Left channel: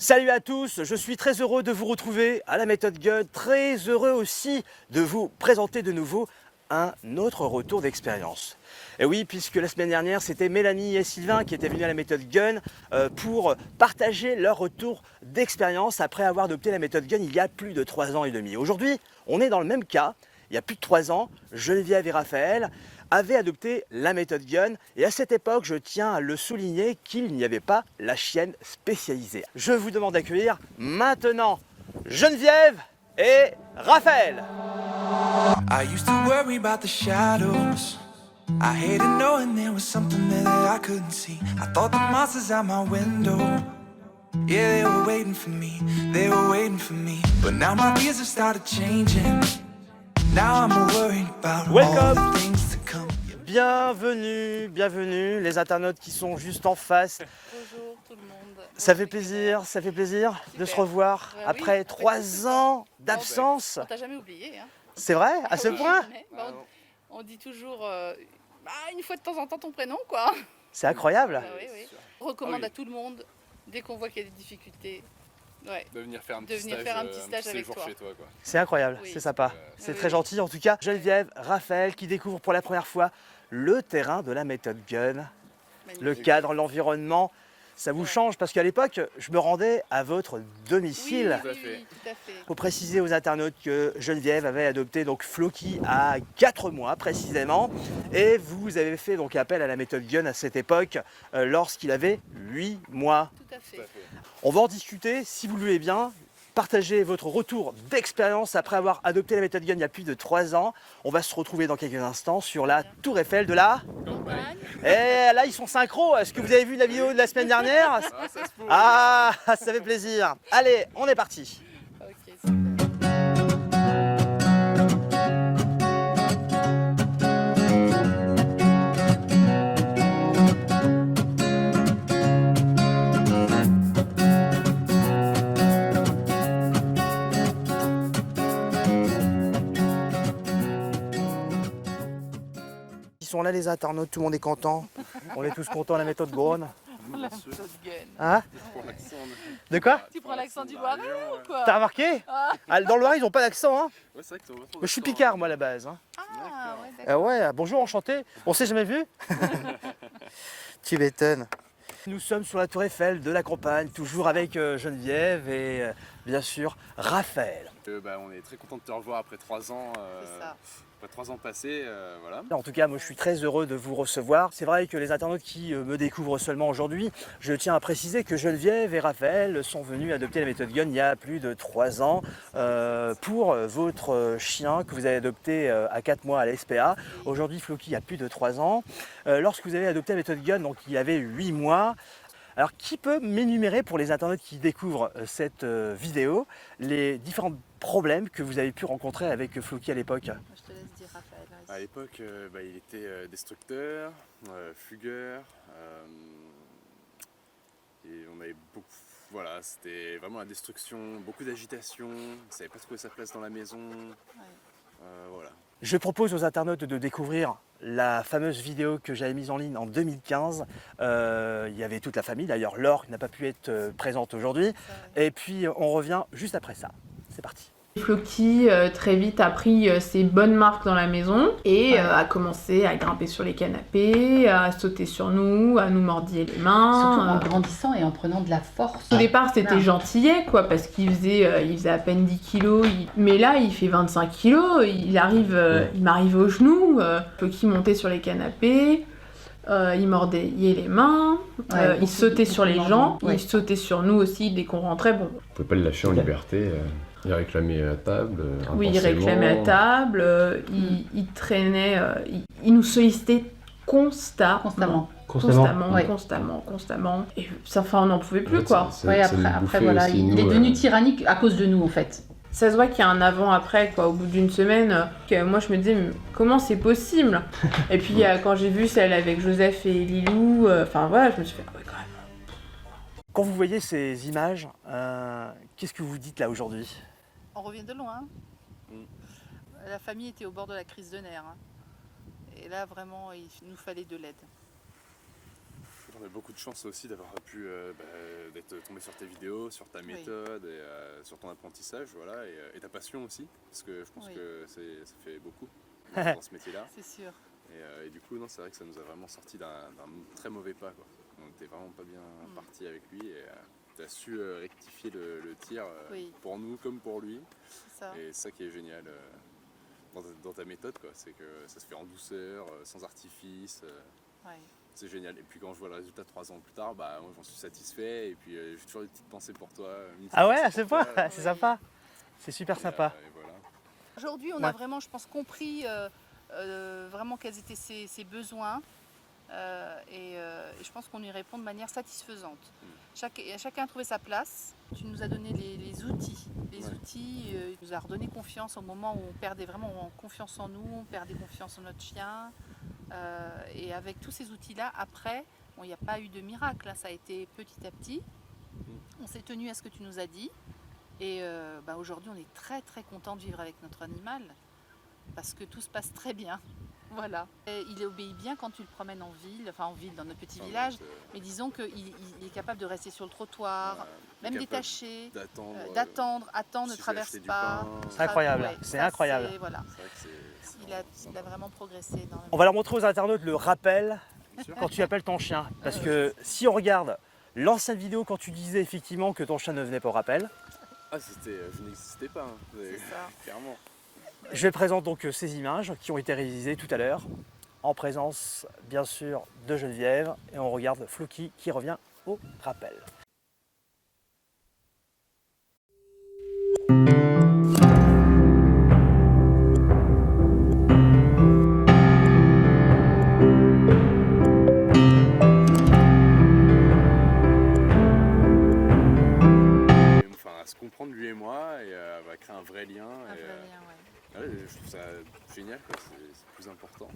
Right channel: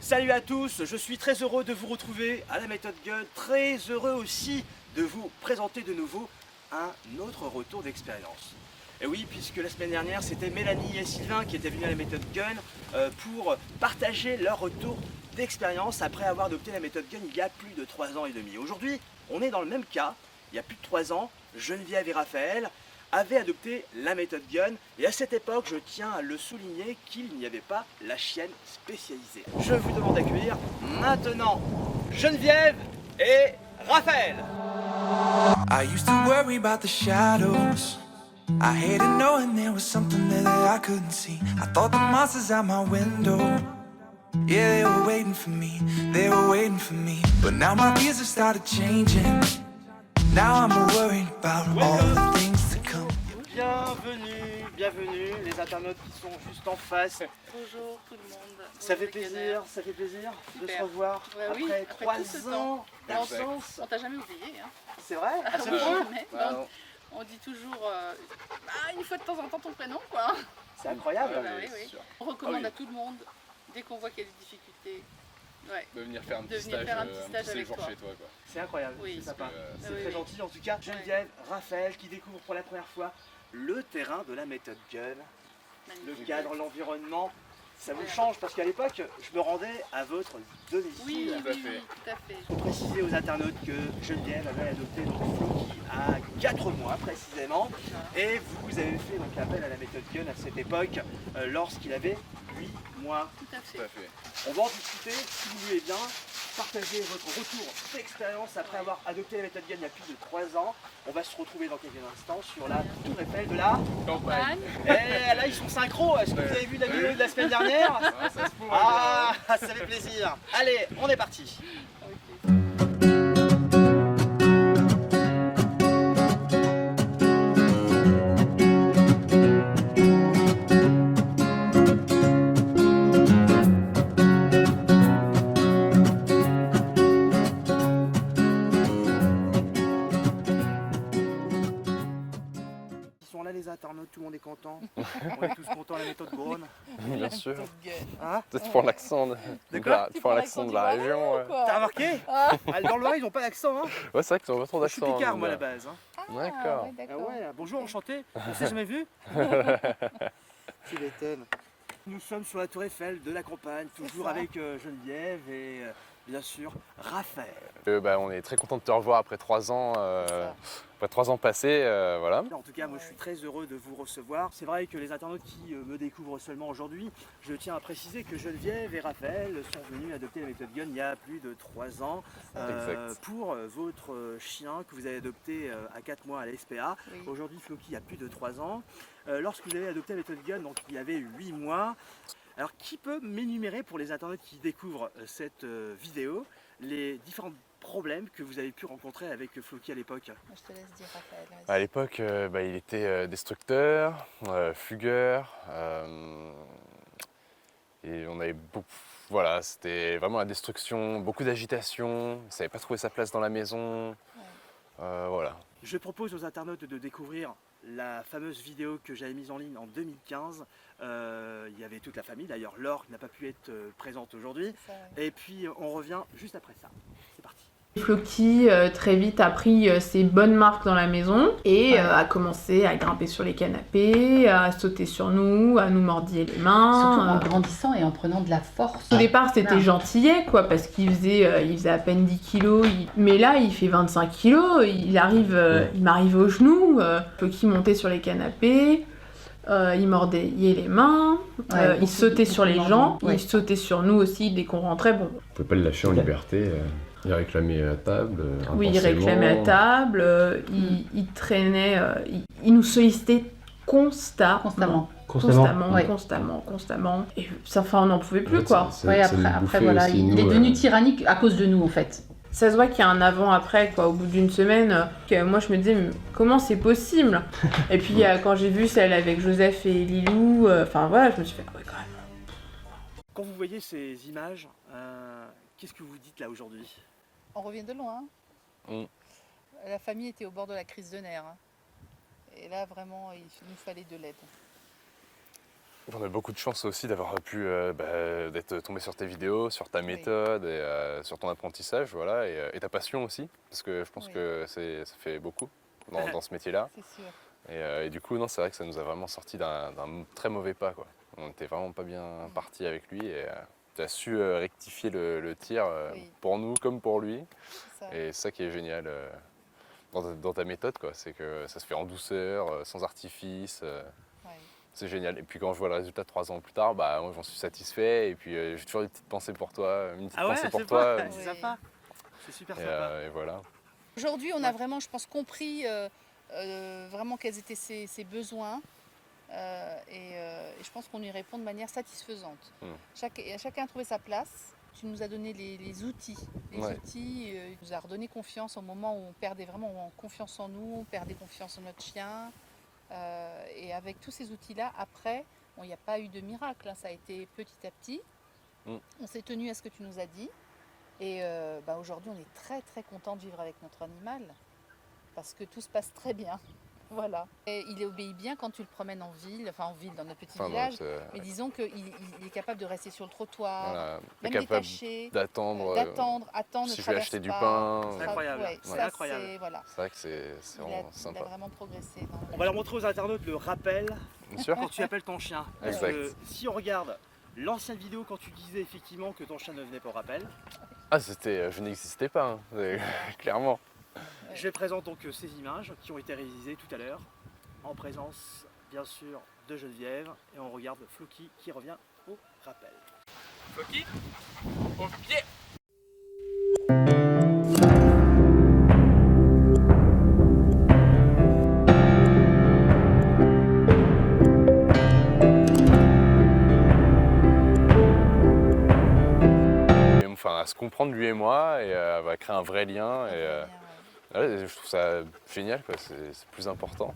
Salut à tous, je suis très heureux de vous retrouver à la méthode Gun, très heureux aussi de vous présenter de nouveau un autre retour d'expérience. Et oui, puisque la semaine dernière, c'était Mélanie et Sylvain qui étaient venus à la méthode Gun pour partager leur retour d'expérience après avoir adopté la méthode Gun il y a plus de 3 ans et demi. Aujourd'hui, on est dans le même cas, il y a plus de 3 ans, Geneviève et Raphaël avaient adopté la méthode Gun et à cette époque, je tiens à le souligner qu'il n'y avait pas la chienne spécialisée. Je vous demande d'accueillir maintenant Geneviève et Raphaël. I used to worry about the shadows. I hated knowing there was something there that I couldn't see. I thought the monsters out my window, yeah, they were waiting for me, they were waiting for me. But now my fears have started changing. Now I'm worried about all the things to come. Bienvenue, bienvenue les internautes qui sont juste en face. Bonjour tout le monde. Ça fait plaisir de se revoir Ouais, après oui, 3 ans d'absence. On t'a jamais oublié, hein. C'est vrai, à ce point? On dit toujours une fois de temps en temps ton prénom, quoi. C'est incroyable. Oui, oui. On recommande à tout le monde, dès qu'on voit qu'il y a des difficultés, de venir faire un petit De venir stage, faire un petit stage avec séjour toi. chez toi, quoi. C'est incroyable, Oui. c'est sympa, c'est Oui, très oui. gentil. En tout cas, Geneviève, Raphaël qui découvrent pour la première fois le terrain de la méthode Gun, le magnifique. cadre, l'environnement. Ça vous change parce qu'à l'époque, je me rendais à votre Oui, domicile. oui, oui, tout à fait. Pour préciser aux internautes que Geneviève avait adopté donc Floki à 4 mois précisément et vous avez fait donc appel à la méthode Gun à cette époque lorsqu'il avait 8 mois. Tout à Tout fait. à fait. On va en discuter si vous le voulez bien. Partagez votre retour d'expérience après avoir adopté la méthode Gun il y a plus de 3 ans. On va se retrouver dans quelques instants sur la tour Eiffel de la... Campagne. Et là ils sont synchro, est-ce que vous avez vu la vidéo de la semaine dernière? Ah, ça se pourrait. Ah, ça fait plaisir. Allez, on est parti. Ok. Ils sont là les internautes, tout le monde est content. On est tous contents à la méthode Gun. Bien sûr. Hein? Peut-être pour l'accent De quoi? Tu prends l'accent de la région. Ouais, T'as remarqué? Ah, dans le Loiret ils ont pas d'accent hein. Ouais, c'est vrai que tu pas trop d'accent. Je suis picard hein, moi à mais, la base. Hein. D'accord. Ouais, bonjour, enchanté. On s'est jamais vu? Tu m'étonnes. Nous sommes sur la tour Eiffel de la campagne, toujours avec Geneviève et bien sûr Raphaël. On est très content de te revoir après 3 ans. ça. Après 3 ans passés, voilà. En tout cas, moi je suis très heureux de vous recevoir. C'est vrai que les internautes qui me découvrent seulement aujourd'hui, je tiens à préciser que Geneviève et Raphaël sont venus adopter la méthode Gun il y a plus de 3 ans pour votre chien que vous avez adopté à 4 mois à la SPA. Aujourd'hui, Floki a plus de 3 ans. Lorsque vous avez adopté la méthode Gun, donc il avait 8 mois. Alors, qui peut m'énumérer pour les internautes qui découvrent cette vidéo les différents problèmes que vous avez pu rencontrer avec Floki à l'époque? Je te laisse dire, Raphaël. vas-y. À l'époque, il était destructeur, fugueur. Et on avait beaucoup. Voilà, c'était vraiment la destruction, beaucoup d'agitation. Il ne savait pas trouver sa place dans la maison. Voilà. Je propose aux internautes de découvrir la fameuse vidéo que j'avais mise en ligne en 2015. Il y avait toute la famille, d'ailleurs Laure n'a pas pu être présente aujourd'hui. Et puis on revient juste après ça. C'est parti. Floki très vite a pris ses bonnes marques dans la maison et a commencé à grimper sur les canapés, à sauter sur nous, à nous mordiller les mains. Surtout en grandissant et en prenant de la force. Au départ c'était Voilà. gentillet quoi parce qu'il faisait à peine 10 kilos, mais là il fait 25 kilos, il m'arrive au genou, Floki montait sur les canapés. Il mordait les mains, Ouais, il sautait sur les beaucoup de gens, mordements, ouais. il sautait sur nous aussi dès qu'on rentrait. Bon, On pouvait pas le lâcher en liberté. Il réclamait à table. oui, il intensément. réclamait à table, il traînait, il nous sollicitait constamment. Ouais. Constamment. Et ça, enfin, on n'en pouvait En plus fait, quoi. ça Ouais, nous après bouffait voilà, aussi, il nous, est devenu tyrannique à cause de nous en fait. Ça se voit qu'il y a un avant-après quoi. Au bout d'une semaine, que moi je me disais mais comment c'est possible. Et puis quand j'ai vu celle avec Joseph et Lilou, enfin voilà, je me suis fait ah ouais quand même. Quand vous voyez ces images, qu'est-ce que vous dites là aujourd'hui? On revient de loin. Mm. La famille était au bord de la crise de nerfs. Et là, vraiment, il nous fallait de l'aide. On a beaucoup de chance aussi d'avoir pu d'être tombé sur tes vidéos, sur ta méthode et sur ton apprentissage, voilà, et ta passion aussi, parce que je pense que ça fait beaucoup dans ce métier-là. C'est sûr. Et du coup, non, c'est vrai que ça nous a vraiment sorti d'un très mauvais pas, quoi. On n'était vraiment pas bien parti avec lui et tu as su rectifier le tir pour nous comme pour lui. C'est ça. Et c'est ça qui est génial dans ta méthode, quoi. C'est que ça se fait en douceur, sans artifice. C'est génial. Et puis quand je vois le résultat 3 ans plus tard, bah, moi j'en suis satisfait. Et puis j'ai toujours une petite pensée pour toi. Une petite pensée pour toi. c'est sympa. C'est super sympa. Et voilà. Aujourd'hui, on a vraiment, je pense, compris vraiment quels étaient ses besoins. Et je pense qu'on y répond de manière satisfaisante. Chacun a trouvé sa place. Tu nous as donné les outils. Il nous a redonné confiance au moment où on perdait vraiment confiance en nous, on perdait confiance en notre chien. Et avec tous ces outils-là, après, il n'y a pas eu de miracle, hein, ça a été petit à petit. On s'est tenu à ce que tu nous as dit. Et aujourd'hui, on est très très content de vivre avec notre animal parce que tout se passe très bien. Voilà. Et il obéit bien quand tu le promènes en ville, dans notre petit village. Mais disons qu'il est capable de rester sur le trottoir, même détaché, d'attendre, attendre, si ne je vais acheter traverse du pas. pain. C'est incroyable, c'est incroyable. C'est vrai que c'est vraiment Il sympa. a vraiment progressé. On va leur montrer aux internautes le rappel Bien sûr. quand tu appelles ton chien. Parce Exact. que si on regarde l'ancienne vidéo quand tu disais effectivement que ton chien ne venait pas au rappel, Je n'existais pas, hein, clairement. je présente donc ces images qui ont été réalisées tout à l'heure en présence bien sûr de Geneviève et on regarde Floki qui revient au rappel. Floki, au pied. Enfin, à se comprendre lui et moi et elle va créer un vrai lien. Je trouve ça génial, quoi. C'est plus important.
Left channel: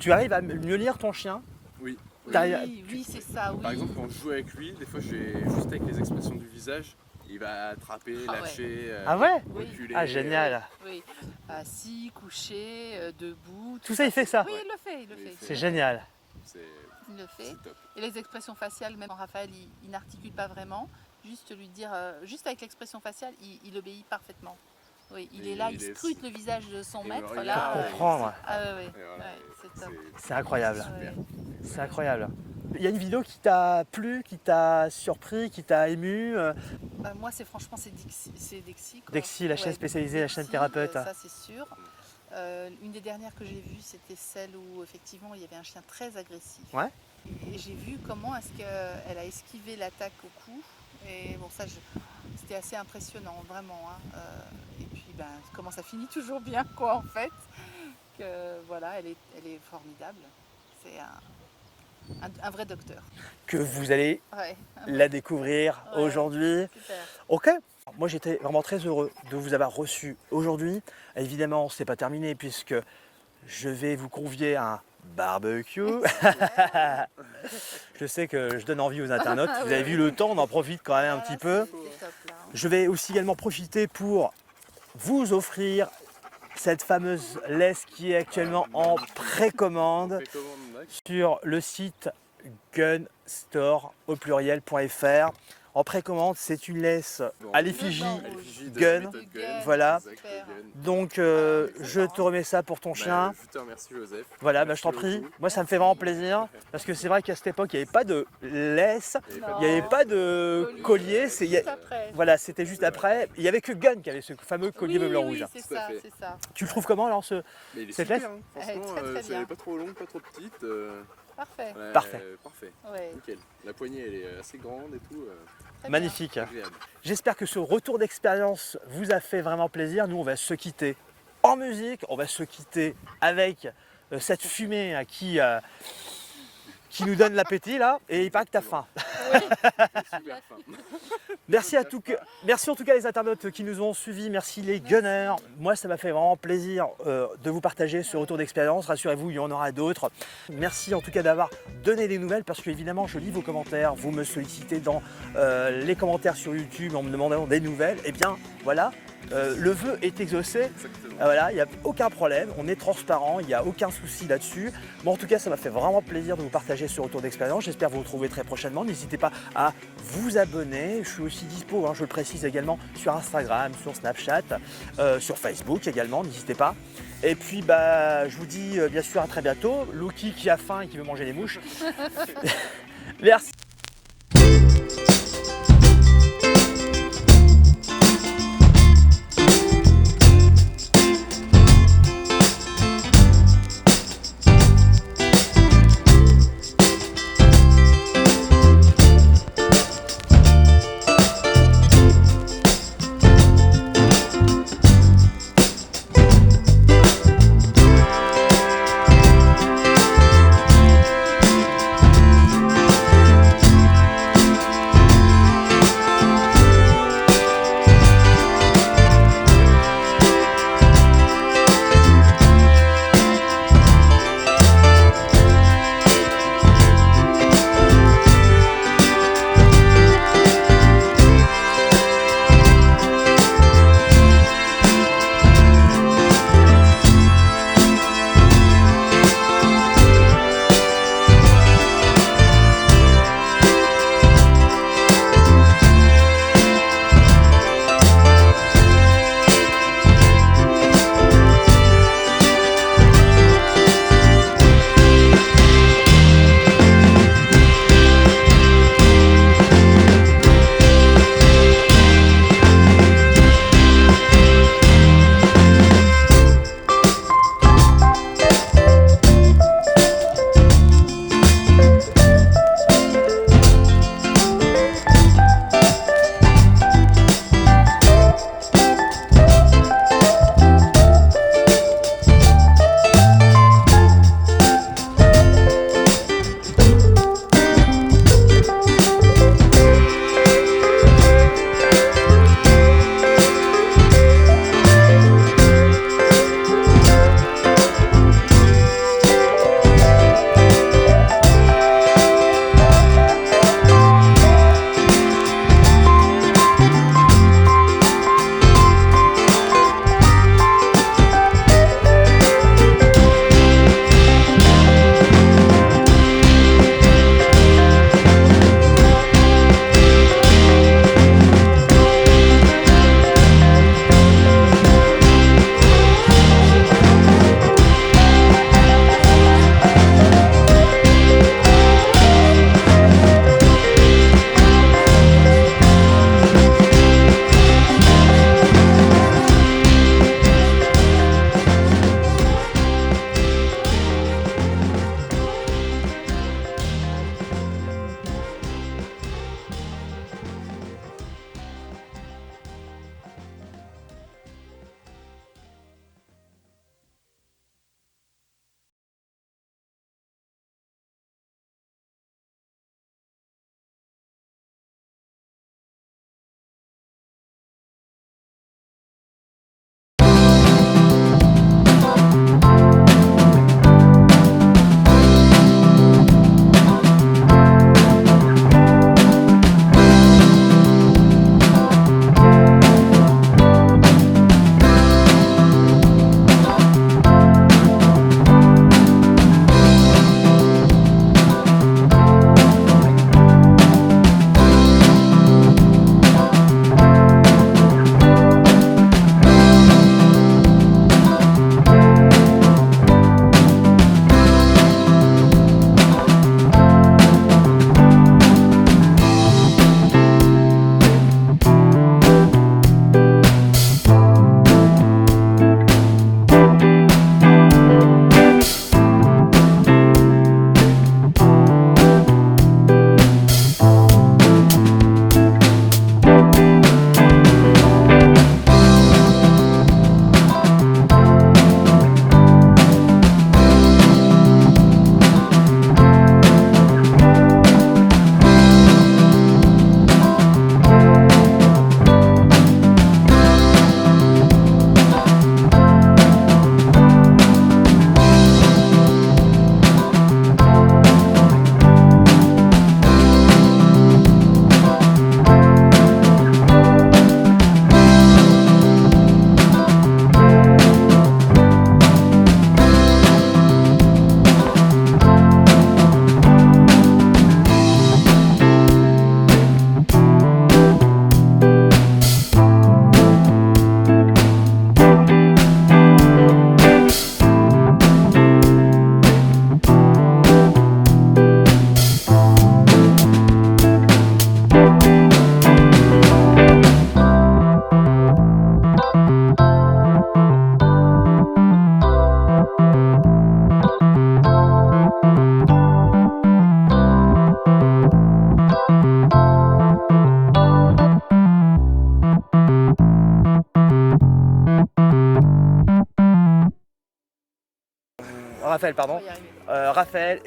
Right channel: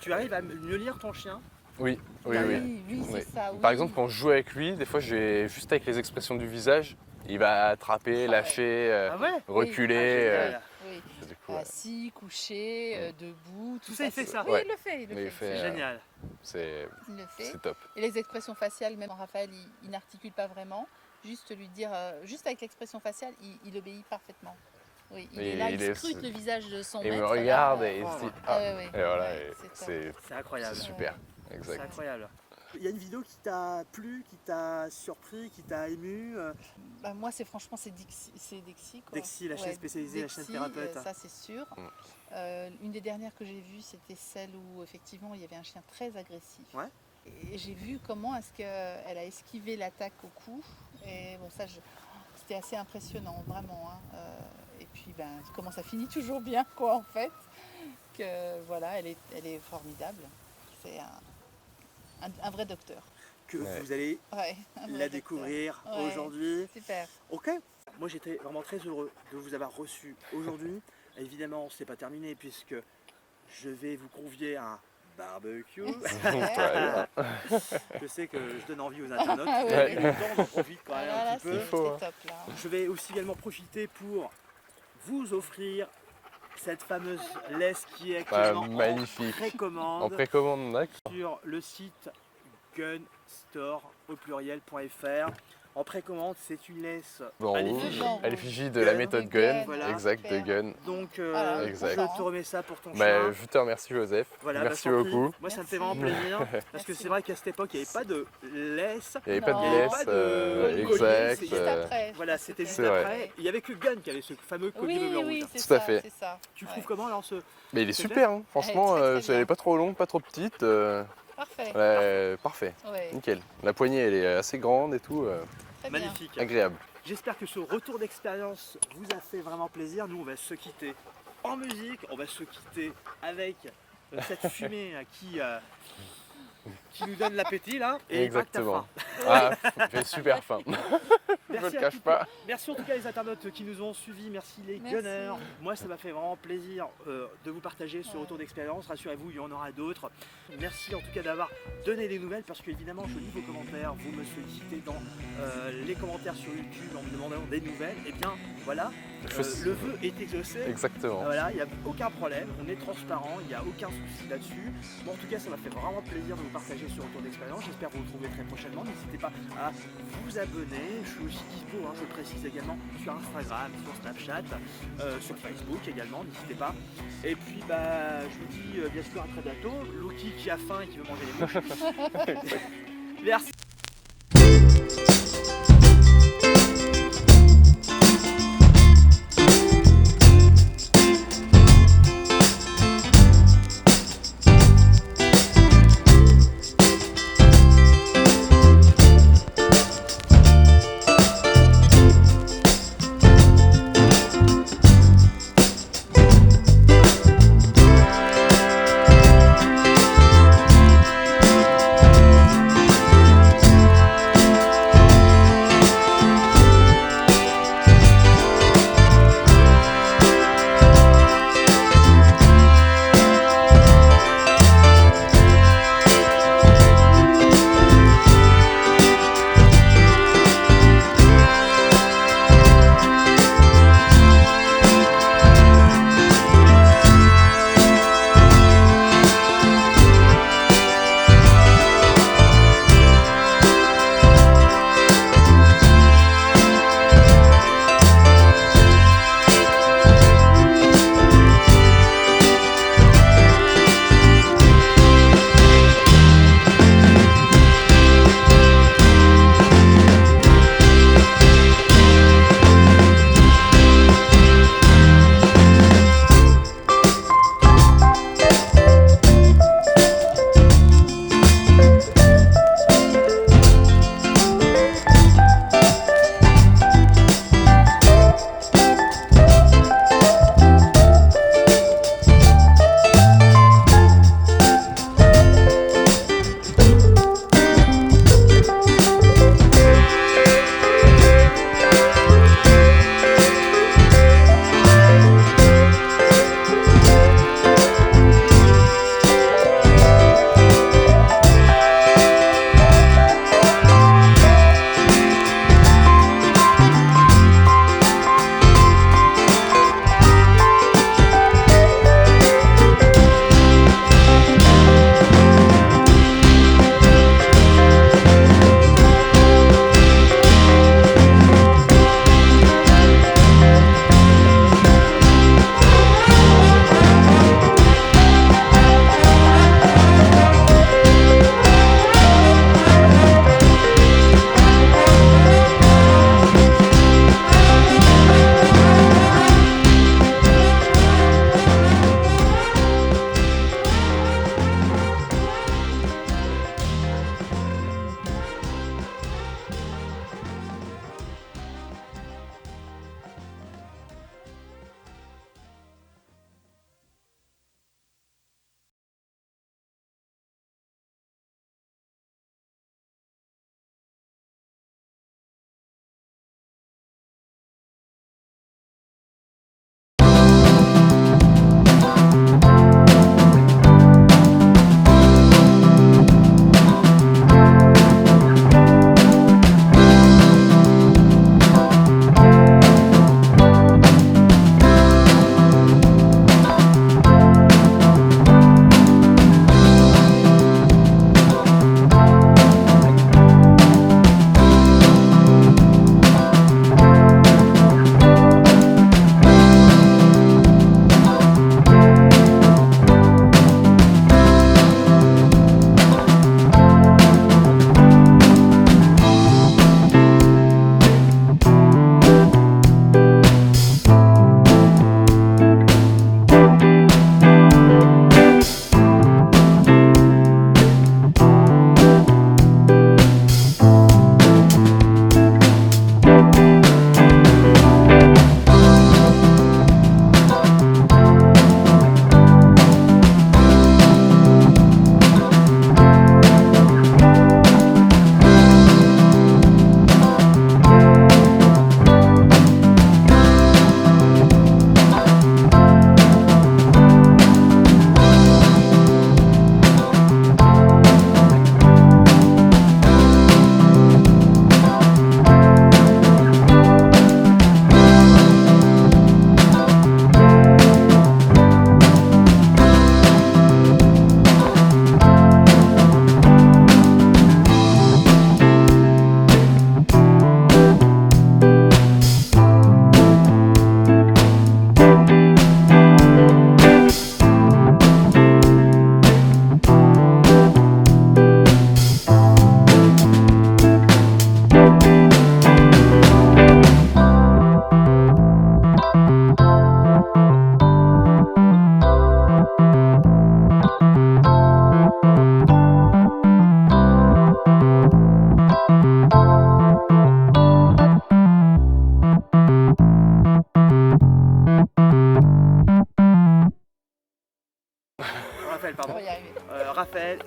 Tu arrives à mieux lire ton chien? Oui, Oui, c'est ça. Par exemple, quand je joue avec lui, des fois, je vais juste avec les expressions du visage, il va attraper, lâcher, reculer. Ah, génial. Oui. Assis, couché, debout. Tout ça, il fait ça? Oui, il le fait. C'est génial. C'est Il le fait. top. Et les expressions faciales, même Raphaël, il n'articule pas vraiment. Juste lui dire, juste avec l'expression faciale, il obéit parfaitement. Oui, il est là, il scrute le visage de son Et il maître. me regarde et, voilà, C'est incroyable. C'est super. C'est incroyable. Il y a une vidéo qui t'a plu, qui t'a surpris, qui t'a ému. Moi, c'est Dexy. Quoi. Dexy, la chaîne spécialisée, la chaîne thérapeute. Ça, c'est sûr. Une des dernières que j'ai vues, c'était celle où effectivement il y avait un chien très agressif. Ouais. Et j'ai vu comment est-ce qu'elle a esquivé l'attaque au cou. Et bon, ça, c'était assez impressionnant, vraiment. Hein. Et puis, comment ça finit toujours bien, quoi, en fait. Que voilà, elle est formidable. C'est un vrai docteur. Que vous allez la découvrir aujourd'hui. Super. Ok. Moi, j'étais vraiment très heureux de vous avoir reçu aujourd'hui. Évidemment, c'est pas terminé puisque je vais vous convier à un barbecue. Je sais que je donne envie aux internautes. Vous avez vu le temps, on en profite quand même un petit peu. Top, là. Je vais aussi également profiter pour vous offrir cette fameuse laisse qui est actuellement en magnifique. précommande En précommande, d'accord. sur le site gunstore.fr. En précommande, c'est une laisse à l'effigie. À l'effigie de Gun. la méthode Gun. Voilà. Exact, de Gun. Donc, Exact. je te remets ça pour ton chien. Je te remercie, Joseph. Voilà, je Merci t'en prie. beaucoup. Moi, ça me fait vraiment plaisir. Parce que c'est vrai qu'à cette époque, il n'y avait pas de laisse. Il n'y avait pas de, Il n'y avait laisse, pas de collier. exact, C'est- il y a- Après, Voilà, c'était juste C'est vrai. après. Il n'y avait que Gun qui avait ce fameux collier bleu, blanc, rouge. c'est Tout à ça, fait. c'est ça. Tu le trouves comment alors ce... Mais il est Cette super, hein. Franchement, Elle est très, très elle n'est bien. pas trop longue, pas trop petite. Parfait. Parfait. Ouais. Nickel. La poignée, elle est assez grande et tout. Très bien. Magnifique. Agréable. J'espère que ce retour d'expérience vous a fait vraiment plaisir. Nous, on va se quitter en musique. On va se quitter avec cette fumée qui nous donne l'appétit là. Et pas que t'as Exactement. faim. J'ai super faim. Merci, merci en tout cas les internautes qui nous ont suivis, merci les gunners. Moi ça m'a fait vraiment plaisir de vous partager ce retour d'expérience, rassurez-vous il y en aura d'autres. Merci en tout cas d'avoir donné des nouvelles parce que évidemment je lis vos commentaires, vous me sollicitez dans les commentaires sur YouTube en me demandant des nouvelles, et bien voilà. Le vœu est exaucé. Exactement. Voilà, il n'y a aucun problème, on est transparent, il n'y a aucun souci là-dessus. Bon, en tout cas, ça m'a fait vraiment plaisir de vous partager ce retour d'expérience. J'espère vous retrouver très prochainement. N'hésitez pas à vous abonner. Je suis aussi dispo, je le précise également, sur Instagram, sur Snapchat, sur Facebook également, n'hésitez pas. Et puis, je vous dis bien sûr à très bientôt. Loki qui a faim et qui veut manger les mouches. Merci.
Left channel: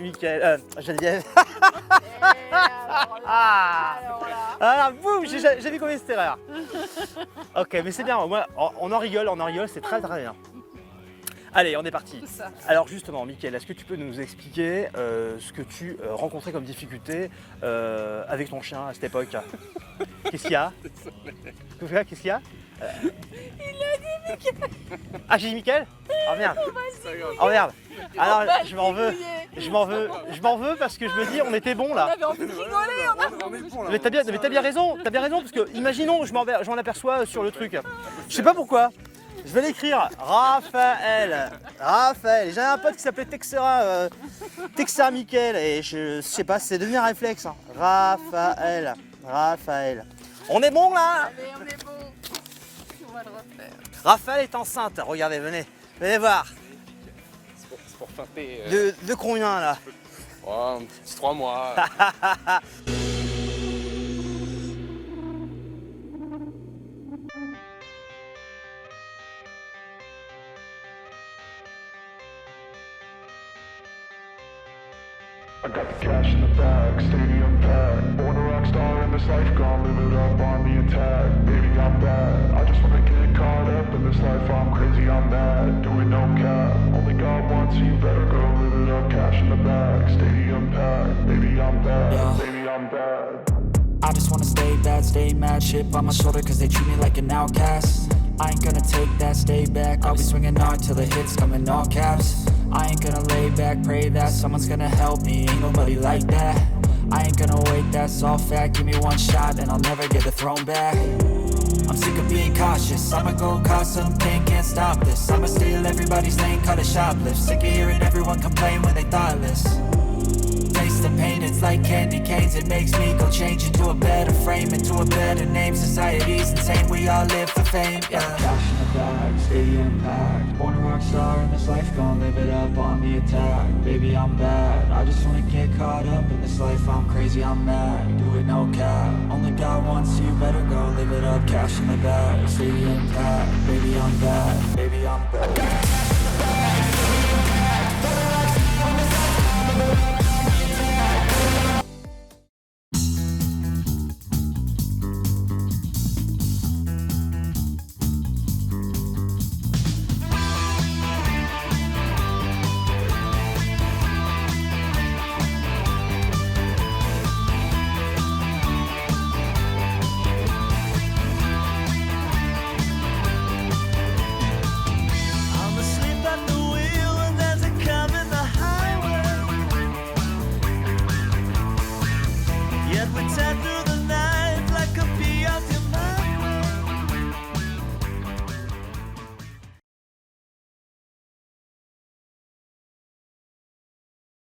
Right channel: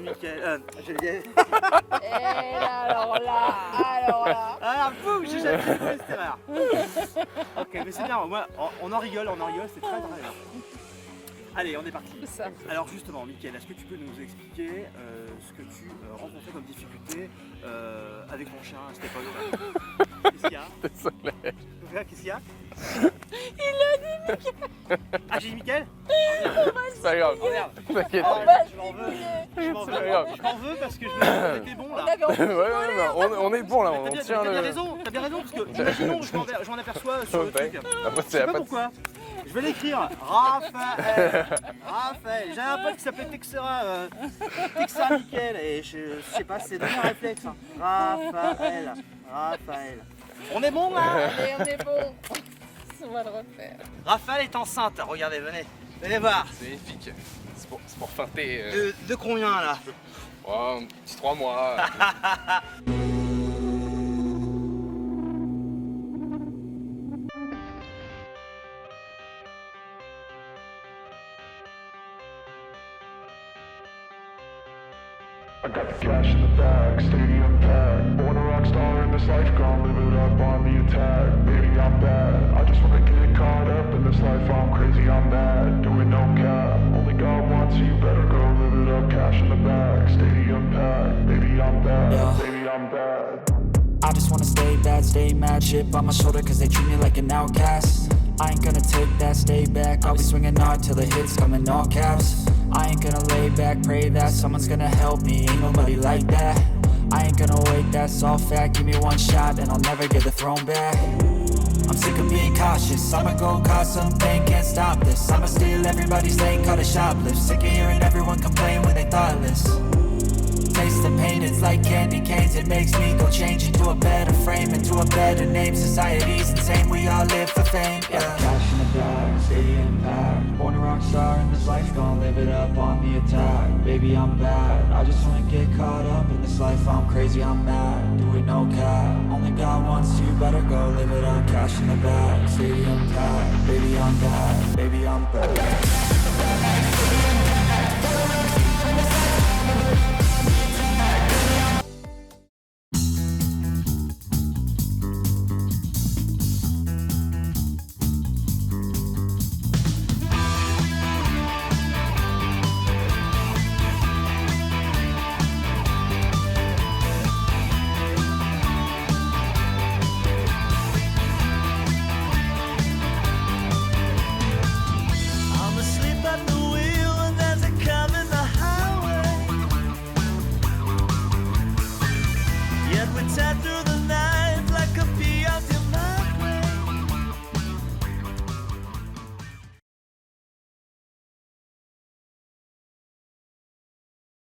c'est Mickaël. Geneviève. Alors là. Ah, boum, j'ai jamais commis cette erreur. Ok, mais c'est bien, moi, on en rigole, c'est très très bien. Allez, on est parti. Ça. Alors justement, Mickaël, est-ce que tu peux nous expliquer ce que tu rencontrais comme difficulté avec ton chien à cette époque? Qu'est-ce qu'il y a? Qu'est-ce qu'il y a? Il a dit Mickaël. Ah, j'ai dit Mickaël? Oh merde. C'est pas grave. Oh merde. T'inquiète. Alors, je m'en veux parce que je me dis, on était bon là. Ouais, on est bon là. Mais t'as bien raison, parce que imaginons, je m'en aperçois sur le truc. Je sais pas pourquoi. Je vais l'écrire. Raphaël. J'avais un pote qui s'appelait Texera Mickaël et je sais pas, c'est devenu un réflexe. Hein. Raphaël. On est bon là? Allez, on est bon. On va le refaire. Raphaël est enceinte. Regardez, venez voir. C'est épique. C'est pour feinter. De combien là? Oh, un petit 3 mois. I got the cash in the bag, stadium packed. Born a rock star in this life, gonna live it up on the attack. Baby, I'm bad. I just wanna get caught up in this life. I'm crazy, I'm mad. Doing no cap. Only God wants you, better go live it up. Cash in the bag, stadium packed. Baby, I'm bad. Yeah. Baby, I'm bad. I just wanna stay bad, stay mad. Chip on my shoulder cause they treat me like an outcast. I ain't gonna take that, stay back. I'll be swinging hard till the hits come in all caps. I ain't gonna lay back, pray that someone's gonna help me. Ain't nobody like that. I ain't gonna wait, that's all fact. Give me one shot and I'll never get the throne back. I'm sick of being cautious. I'ma go cause some pain, can't stop this. I'ma steal everybody's lane, call it shoplift. Sick of hearing everyone complain when they thoughtless. Taste the pain, it's like candy canes. It makes me go change into a better frame, into a better name. Society's insane, we all live for fame, yeah. Cash in the bag, stadium packed. Born a rock star in this life, gonna live it up on the attack. Baby, I'm bad. I just wanna get caught up in this life. I'm crazy, I'm mad. Do it no cap. Only God wants you, better go live it up. Cash in the bag, stadium packed. Baby, I'm bad. Baby, I'm bad.